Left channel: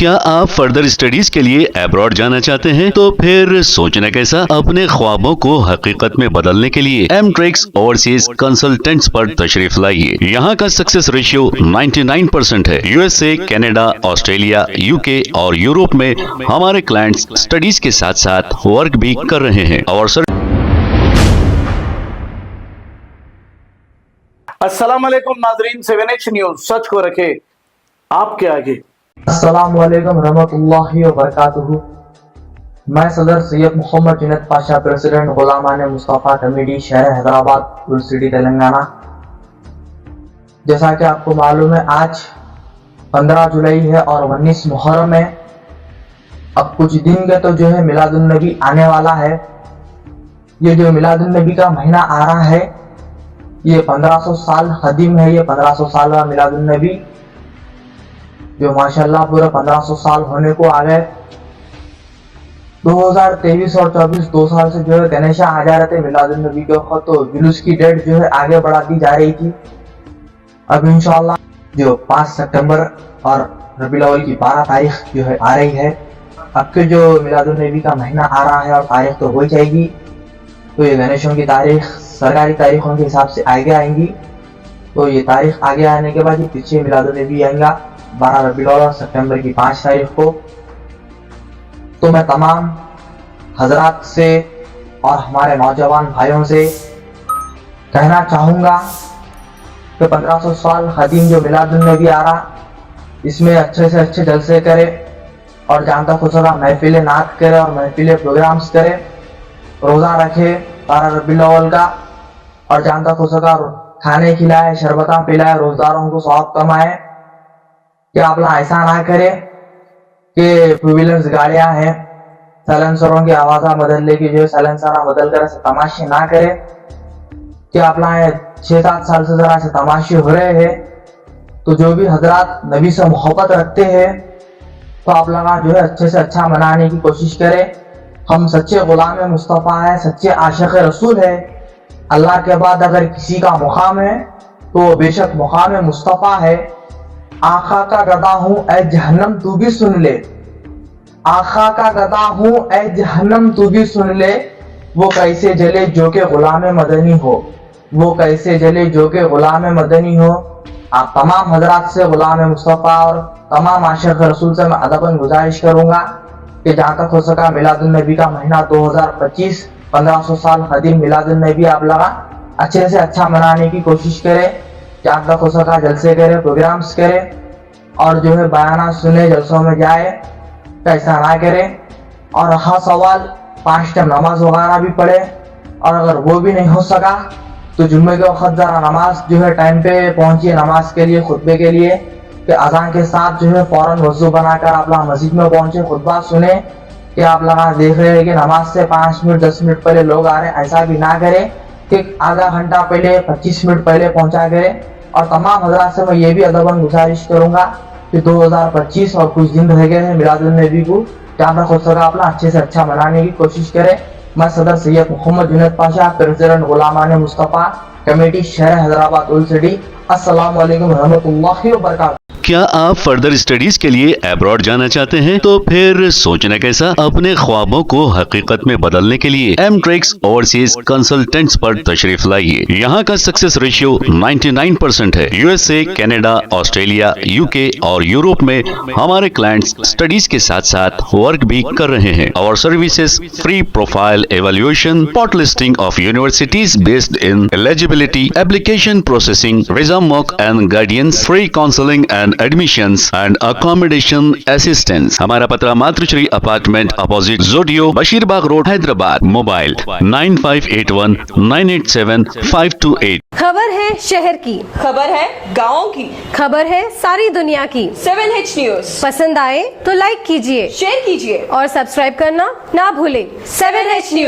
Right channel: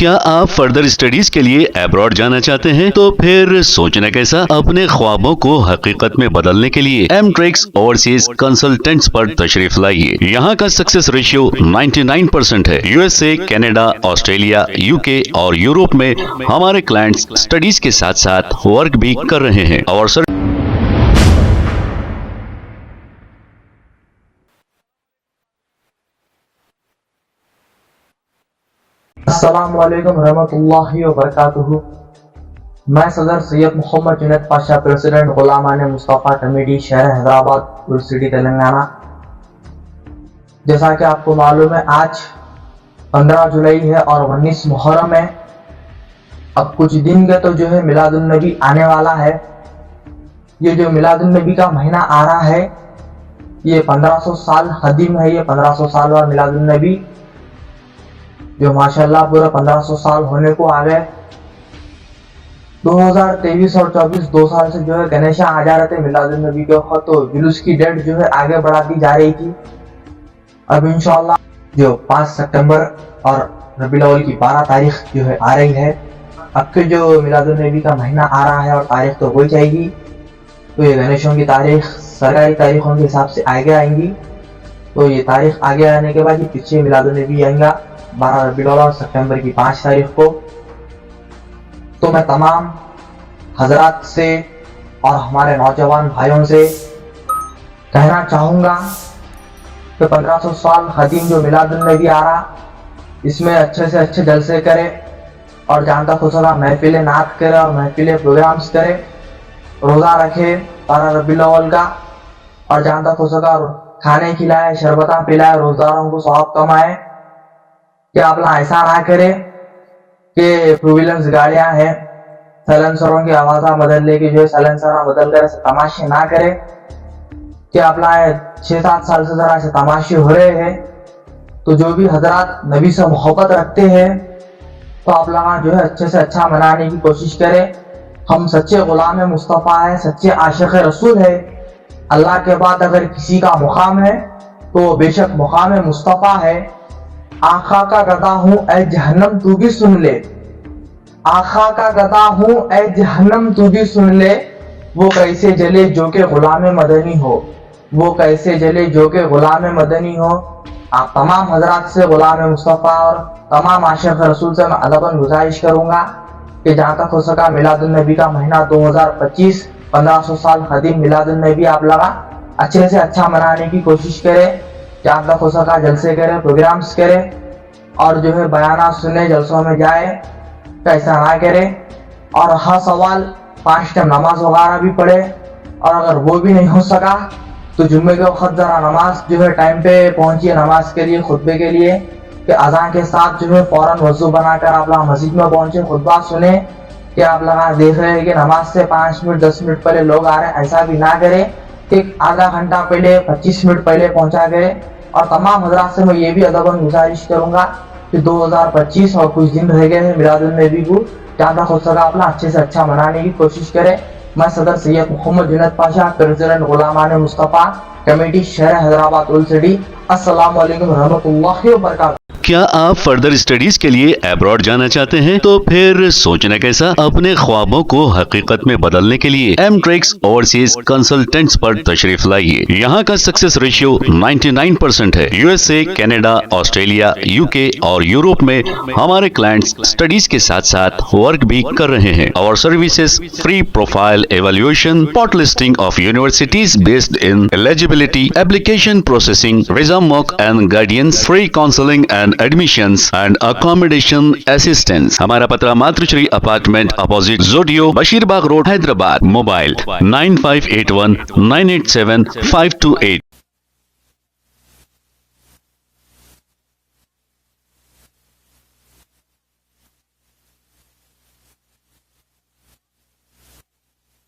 क्या आप further studies के लिए अब्रॉड जाना चाहते हैं? तो फिर सोचना कैसा, अपने ख्वाबों को हकीकत में बदलने के लिए एमट्रिक्स ओवरसीज कंसल्टेंट्स पर तशरीफ लाइए। यहाँ का सक्सेस रेशियो 99% है। यूएसए, कनाडा, ऑस्ट्रेलिया, यूके और यूरोप में हमारे क्लाइंट्स स्टडीज के साथ साथ वर्क भी कर रहे हैं और अस्सलाम वालेकुम नाजरीन, 7H न्यूज सच को रखे आपके आगे। अस्सलाम वालेकुम रहमतुल्लाहि व बरकातुहू। मैं सदर सैयद मोहम्मद जुनैद पाशा, प्रेसिडेंट गुलामान मुस्तफ़ा कमेटी, शहर हैदराबाद, उल सिटी, तेलंगाना। जैसा कि आपको मालूम है, आज 15 जुलाई है और 19 मुहर्रम है। अब कुछ दिन के तो जो है मिलादुन नबी आने वाला है। ये जो मिलादुन नबी का महीना आ रहा है, ये 1500 साल कदीम है। ये 1500 साल बाद मिलादुन नबी, जो माशाल्लाह पूरा 1500 साल होने को आ गए। 2023 और 24 2 साल से जो है गणेशा आ जा रहे थे मिलादुन नबी के वक्त, तो जुलूस की डेट जो है आगे बढ़ा दी जा रही थी। अब इंशाल्लाह जो 5 सितंबर और रबीउल अव्वल की 12 तारीख जो है आ रही है। अब के जो मिलादुन नबी का महीना आ रहा है और तारीख तो हो जाएगी, तो ये गणेशों की तारीख सरकारी तारीखों के हिसाब से आगे आएंगी। तो ये तारीख आगे आने के बाद ये पीछे मिलादुन नबी आएगा 12 रबीउल अव्वल और सितंबर की 5 तारीख को। तो मैं तमाम हजरात से और हमारे नौजवान भाइयों से कहना चाहूँगा कि 1500 साल कदीम जो मिलादुन नबी आ रहा, इसमें अच्छे से अच्छे जलसे करे और जानता खुशा महफिल नात करे और महफिल प्रोग्राम्स करे, रोज़ा रखे 12 रबीउल अव्वल का और जानता खुशा खाने खिलाए, शरबता पिलाए, रोज़दारों को सवाब कमाए। कि आप लोग ऐसा ना करें कि टू व्हीलर्स गाड़ियां हैं, साइलेंसरों की आवाज़ा बदल लेके जो है साइलेंसर बदल कर ऐसे तमाशे ना करें। कि आप लोग 6-7 साल से जरा ऐसे तमाशे हो रहे हैं। तो जो भी हजरात नबी से मोहब्बत रखते हैं, तो आप लोग जो है अच्छे से अच्छा मनाने की कोशिश करें। हम सच्चे गुलाम मुस्तफ़ा है, सच्चे आशिक़ रसूल है। अल्लाह के बाद अगर किसी का मुकाम है तो बेशक मुकाम मुस्तफ़ा है। आका का गदा हूँ ऐ जहन्नम तू भी सुन ले, आका का गदा हूँ ऐ जहन्नम तू भी सुन ले। वो कैसे जले जो के गुलाम मदनी हो, वो कैसे जले जो के गुलाम मदनी हो। आप तमाम हजरात से गुलाम मुस्तफ़ा और तमाम आशिक़ रसूल से मैं अदबन गुजारिश करूँगा कि जहाँ तक हो सका मिलादुन नबी का महीना 2025 1500 साल कदीम मिलादुन नबी आप लगा अच्छे से अच्छा मनाने की कोशिश करें। जहाँ तक हो सका जलसे करें, प्रोग्राम्स करें और जो है बयाना सुने, जलसों में जाए, ऐसा ना करें। और हर सवाल 5 टाइम नमाज वगैरह भी पढ़े। और अगर वो भी नहीं हो सका तो जुम्मे के वक्त ज़रा नमाज जो है टाइम पे पहुँचिए नमाज के लिए, खुतबे के लिए। कि अज़ान के साथ जो है फ़ौरन वज़ू बनाकर आप लोग मस्जिद में पहुँचे, खुतबा सुने। कि आप लोग देख रहे हैं कि नमाज से 5 मिनट 10 मिनट पहले लोग आ रहे हैं, ऐसा भी ना करें कि आधा घंटा पहले 25 मिनट पहले पहुँचा करें। और तमाम हजरात से मैं ये भी अदबन गुजारिश करूँगा कि 2025 और कुछ दिन रह गए हैं मिलादुन नबी को, जहाँ तक हो सका अपना अच्छे से अच्छा मनाने की कोशिश करें। मैं सदर सैयद मोहम्मद जुनैद पाशा, प्रेसिडेंट गुलामान मुस्तफ़ा कमेटी, शहर हैदराबाद, उल सिटी। अस्सलाम वालेकुम रहमतुल्लाहि व बरकातुहू। क्या आप फर्दर स्टडीज के लिए अब्रॉड जाना चाहते हैं? तो फिर सोचना कैसा, अपने ख्वाबों को हकीकत में बदलने के लिए एमट्रिक्स ओवरसीज कंसल्टेंट्स पर तशरीफ लाइए। यहाँ का सक्सेस रेशियो 99% है। यूएसए, कनाडा, ऑस्ट्रेलिया, यूके और यूरोप में हमारे क्लाइंट्स स्टडीज के साथ साथ वर्क भी कर रहे हैं और services free profile evaluation, spot listing of universities based in eligibility, application processing, visa mock and guidance, free counselling and admissions and accommodation assistance. हमारा पता मातृश्री अपार्टमेंट अपोजिट जोडियो, बशीरबाग रोड, हैदराबाद। मोबाइल 9581 987 528। खबर है शहर की, खबर है गाँव की, खबर है सारी दुनिया की। 7H न्यूज पसंद आए तो लाइक कीजिए, शेयर कीजिए और सब्सक्राइब करना ना भूलें। 7H news.